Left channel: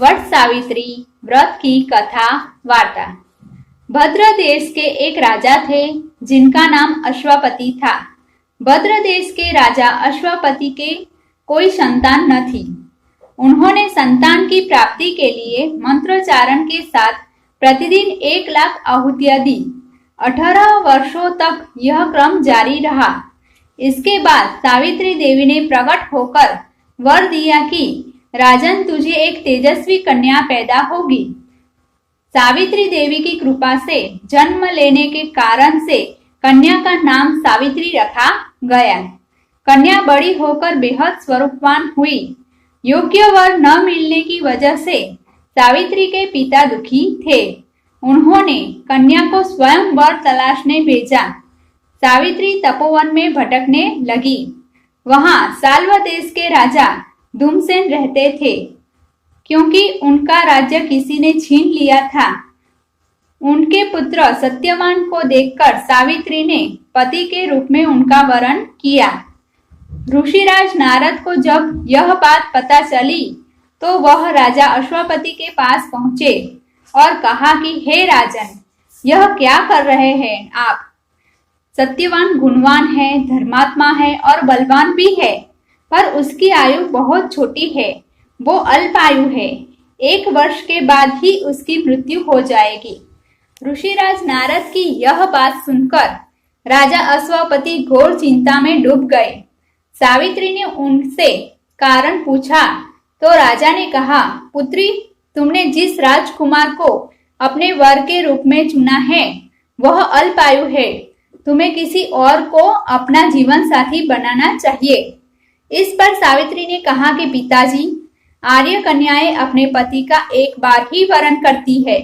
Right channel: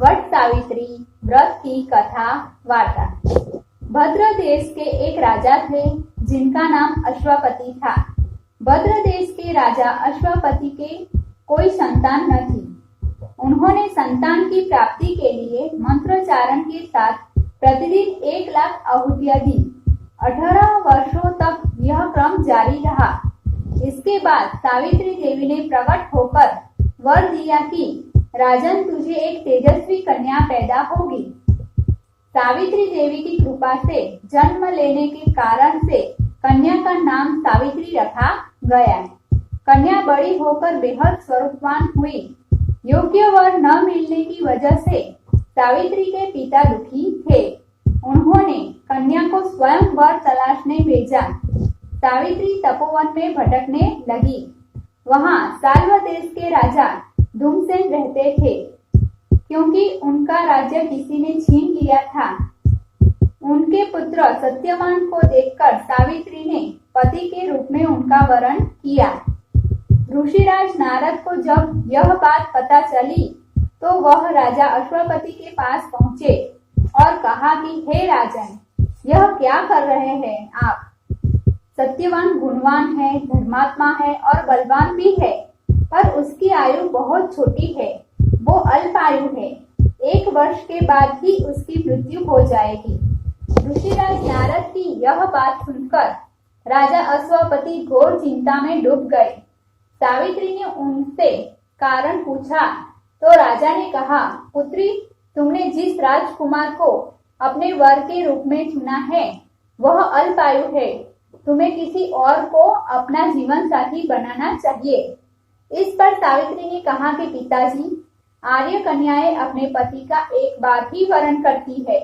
वट सावित्री व्रत की कथा वार्ता। भद्र देश के एक राजा थे जिनका नाम अश्वपति था। भद्र देश के राजा अश्वपति के कोई संतान न थी। उन्होंने संतान की प्राप्ति के लिए मंत्रोच्चारण के साथ प्रतिदिन 1,00,000 आहुतियां दी। 18 वर्षों तक यह क्रम जारी रहा। इसके बाद सावित्री देवी ने प्रकट होकर वर दिया कि राजन, तुझे एक तेजस्वी कन्या पैदा होगी। सावित्री देवी की कृपा से जन्म लेने के कारण से कन्या का नाम सावित्री रखा गया। कन्या बड़ी होकर बेहद स्वरूपवान हुई। योग्य वर न मिलने की वजह से सावित्री के पिता दुखी थे। उन्होंने कन्या को स्वयं वर तलाशने भेजा। सावित्री तपोवन में भटकने लगी। वहां साल्व देश के राजा धूमसेन रहते थे। क्योंकि उनका राज्य किसी ने छीन लिया था, उनके पुत्र सत्यवान को देखकर सावित्री ने पति के रूप में उनका वरण किया। ऋषिराज नारद को जब यह बात पता चली तो वह राजा अश्वपति के पास पहुंचे और कहा कि हे राजन, यह क्या कर रहे हैं आप? सत्यवान गुणवान है, धर्मात्मा है और बलवान भी है, पर उसकी आयु बहुत छोटी है। वो अल्पायु है। 1 वर्ष के बाद ही उसकी मृत्यु हो जाएगी। ऋषिराज नारद की यह बात सुनकर राजा अश्वपति घोर चिंता में डूब गए। सावित्री ने उनसे कारण पूछा तो राजा ने कहा, पुत्री, तुमने जिस राजकुमार को अपने वर के रूप में चुना है वह अल्पायु है। तुम्हें किसी और को अपना जीवन साथी बनाना चाहिए। इस पर सावित्री ने कहा कि पिताजी, आर्य कन्याएं अपने पति का एक बार ही वरण करती है।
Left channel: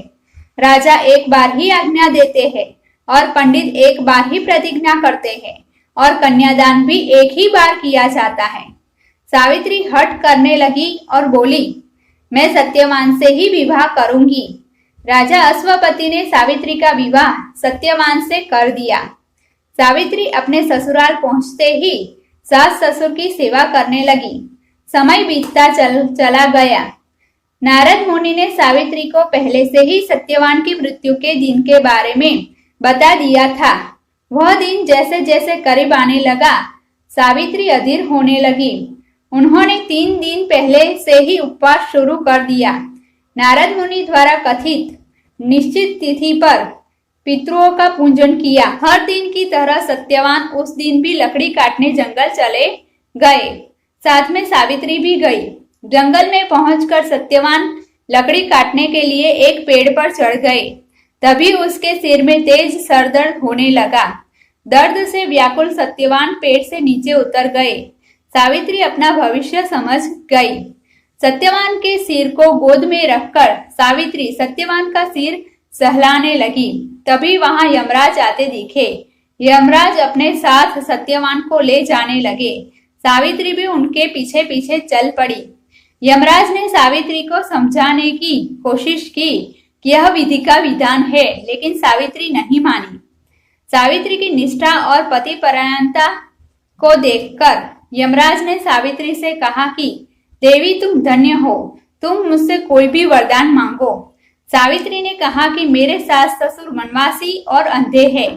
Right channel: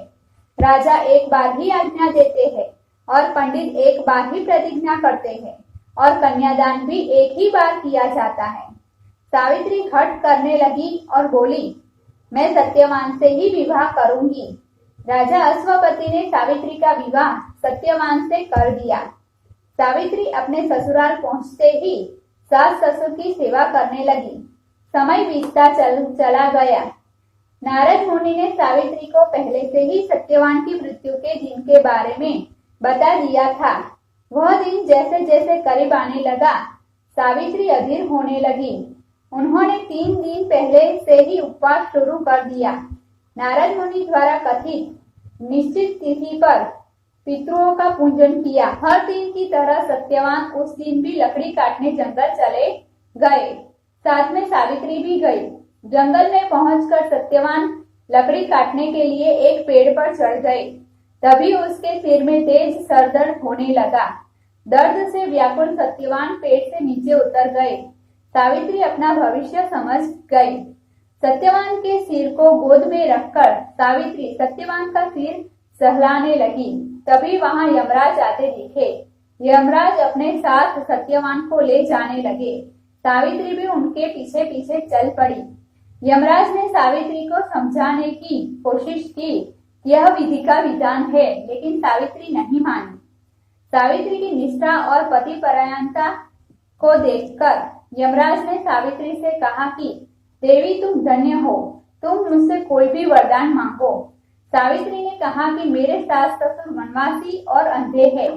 राजा एक बार ही आज्ञा देते हैं और पंडित एक बार ही प्रतिज्ञा करते हैं और कन्यादान भी एक ही बार किया जाता है। सावित्री हठ करने लगी और बोली, मैं सत्यवान से ही विवाह करूंगी। राजा अश्वपति ने सावित्री का विवाह सत्यवान से कर दिया। सावित्री अपने ससुराल पहुंचते ही सास ससुर की सेवा करने लगी। समय बीतता चला गया। नारद मुनि ने सावित्री को पहले से ही सत्यवान की मृत्यु के दिन के बारे में बता दिया था। वह दिन जैसे जैसे करीब आने लगा, सावित्री अधीर होने लगी। उन्होंने 3 दिन पहले से ही उपवास शुरू कर दिया। नारद मुनि द्वारा कथित निश्चित तिथि पर पितरों का पूजन किया। हर दिन की तरह सत्यवान उस दिन भी लकड़ी काटने जंगल चले गए। साथ में सावित्री भी गई। जंगल में पहुंचकर सत्यवान लकड़ी काटने के लिए एक पेड़ पर चढ़ गए। तभी उसके सिर में तेज सरदर्द होने लगा। दर्द से व्याकुल सत्यवान पेड़ से नीचे उतर गए। सावित्री अपना भविष्य समझ गई। सत्यवान के सिर को गोद में रखकर सावित्री सत्यवान का सिर सहलाने लगी। तभी वहां यमराज आते दिखे। यमराज अपने साथ सत्यवान को ले जाने लगे। सावित्री भी उनके पीछे पीछे चल पड़ी। यमराज ने सावित्री को समझाने की कोशिश की कि यह विधि का विधान है, लेकिन सावित्री नहीं मानी। सावित्री की निष्ठा और पतिपरायणता को देखकर यमराज ने सावित्री से कहा कि देवी, तुम धन्य हो, तुम मुझसे कोई भी वरदान मांगो। सावित्री ने कहा कि मेरे सास ससुर वनवासी और अंधे हैं,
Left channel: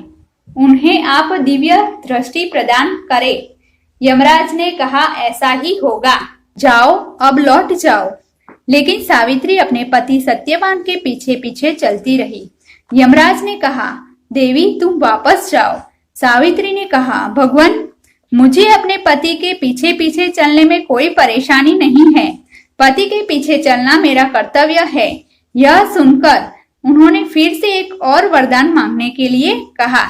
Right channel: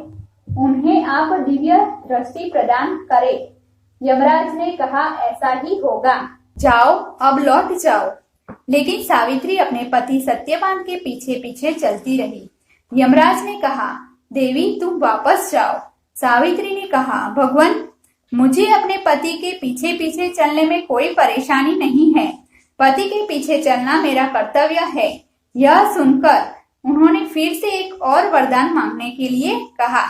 उन्हें आप दिव्य दृष्टि प्रदान करें। यमराज ने कहा, ऐसा ही होगा, जाओ, अब लौट जाओ। लेकिन सावित्री अपने पति सत्यवान के पीछे पीछे चलती रही। यमराज ने कहा, देवी, तुम वापस जाओ। सावित्री ने कहा, भगवान, मुझे अपने पति के पीछे पीछे चलने में कोई परेशानी नहीं है। पति के पीछे चलना मेरा कर्तव्य है। यह सुनकर उन्होंने फिर से एक और वरदान मांगने के लिए कहा।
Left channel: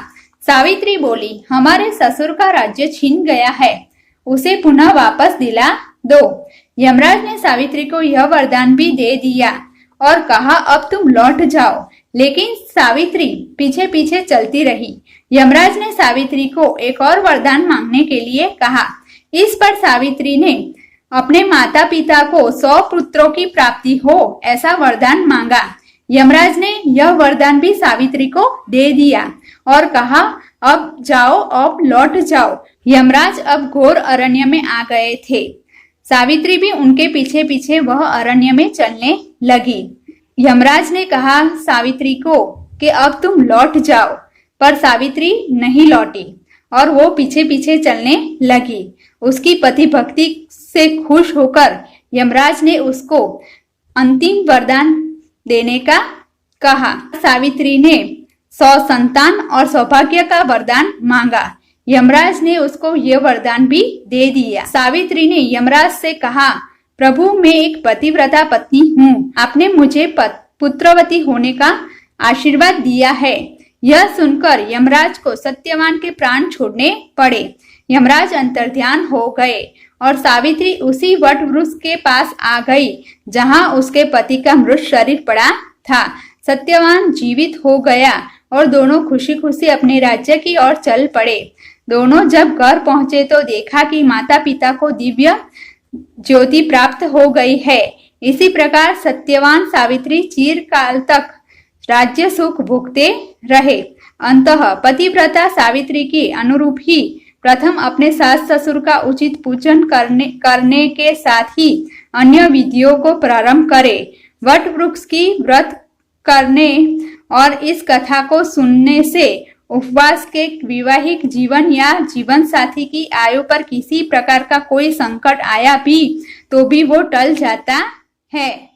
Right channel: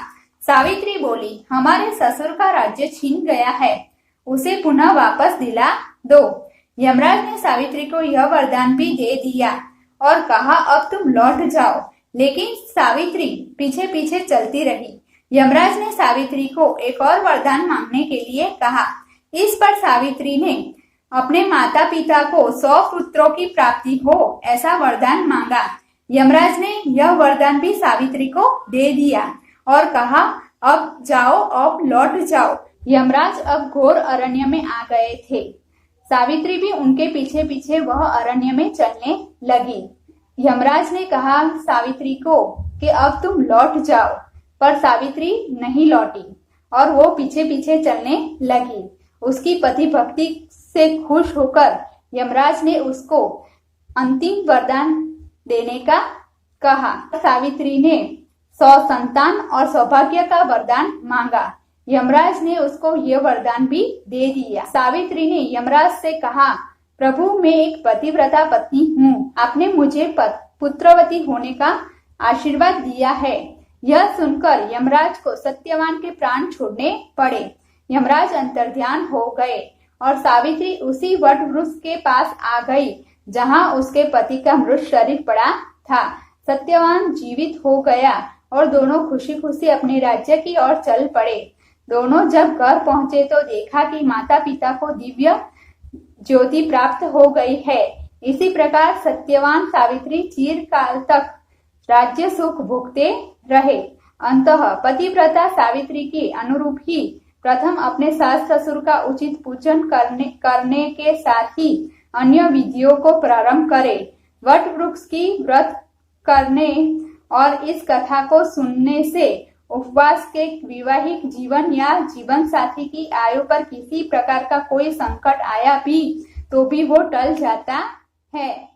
सावित्री बोली, हमारे ससुर का राज्य छीन गया है, उसे पुनः वापस दिला दो। यमराज ने सावित्री को यह वरदान भी दे दिया और कहा, अब तुम लौट जाओ। लेकिन सावित्री पीछे पीछे चलती रही। यमराज ने सावित्री को एक और वरदान मांगने के लिए कहा। इस पर सावित्री ने अपने माता पिता को 100 पुत्रों की प्राप्ति हो ऐसा वरदान मांगा। यमराज ने यह वरदान भी सावित्री को दे दिया और कहा, अब जाओ, अब लौट जाओ। यमराज अब घोर अरण्य में आ गए थे। सावित्री भी उनके पीछे पीछे वह अरण्य में चलने लगी। यमराज ने कहा सावित्री को कि अब तुम लौट जाओ, पर सावित्री नहीं लौटी और वो पीछे पीछे चलने लगी। उसकी पति भक्ति से खुश होकर यमराज ने उसको अंतिम वरदान देने का कहा। सावित्री ने 100 संतान और सौभाग्य का वरदान मांगा। यमराज ने उसको यह वरदान भी दे दिया। सावित्री ने यमराज से कहा, प्रभु मैं एक पतिव्रता पत्नी हूँ, आपने मुझे पुत्रवती होने का आशीर्वाद दिया है। यह सुनकर यमराज को सत्यवान के प्राण छोड़ने पड़े। यमराज अंतर्ध्यान हो गए और सावित्री उसी वट वृक्ष के पास आ गई जहां उसके पति का मृत शरीर पड़ा था। सत्यवान जीवित हो गया और दोनों खुशी खुशी अपने राज्य की ओर चल पड़े। दोनों जब घर पहुंचे तो देखा कि माता पिता को दिव्य ज्योति प्राप्त हो गई है। इसी प्रकार सत्यवान सावित्री चिरकाल तक राज्य सुख भोगते रहे। अंततः पतिव्रता सावित्री के अनुरूप ही प्रथम अपने सास ससुर का उचित पूजन करने के साथ ही अन्य विधियों को प्रारंभ करे। वट वृक्ष की व्रत करने और इस कथा को सुनने से उपवास के वैवाहिक जीवन या जीवन साथी की आयु पर किसी प्रकार का कोई संकट आया भी तो भी वो टल जाता है।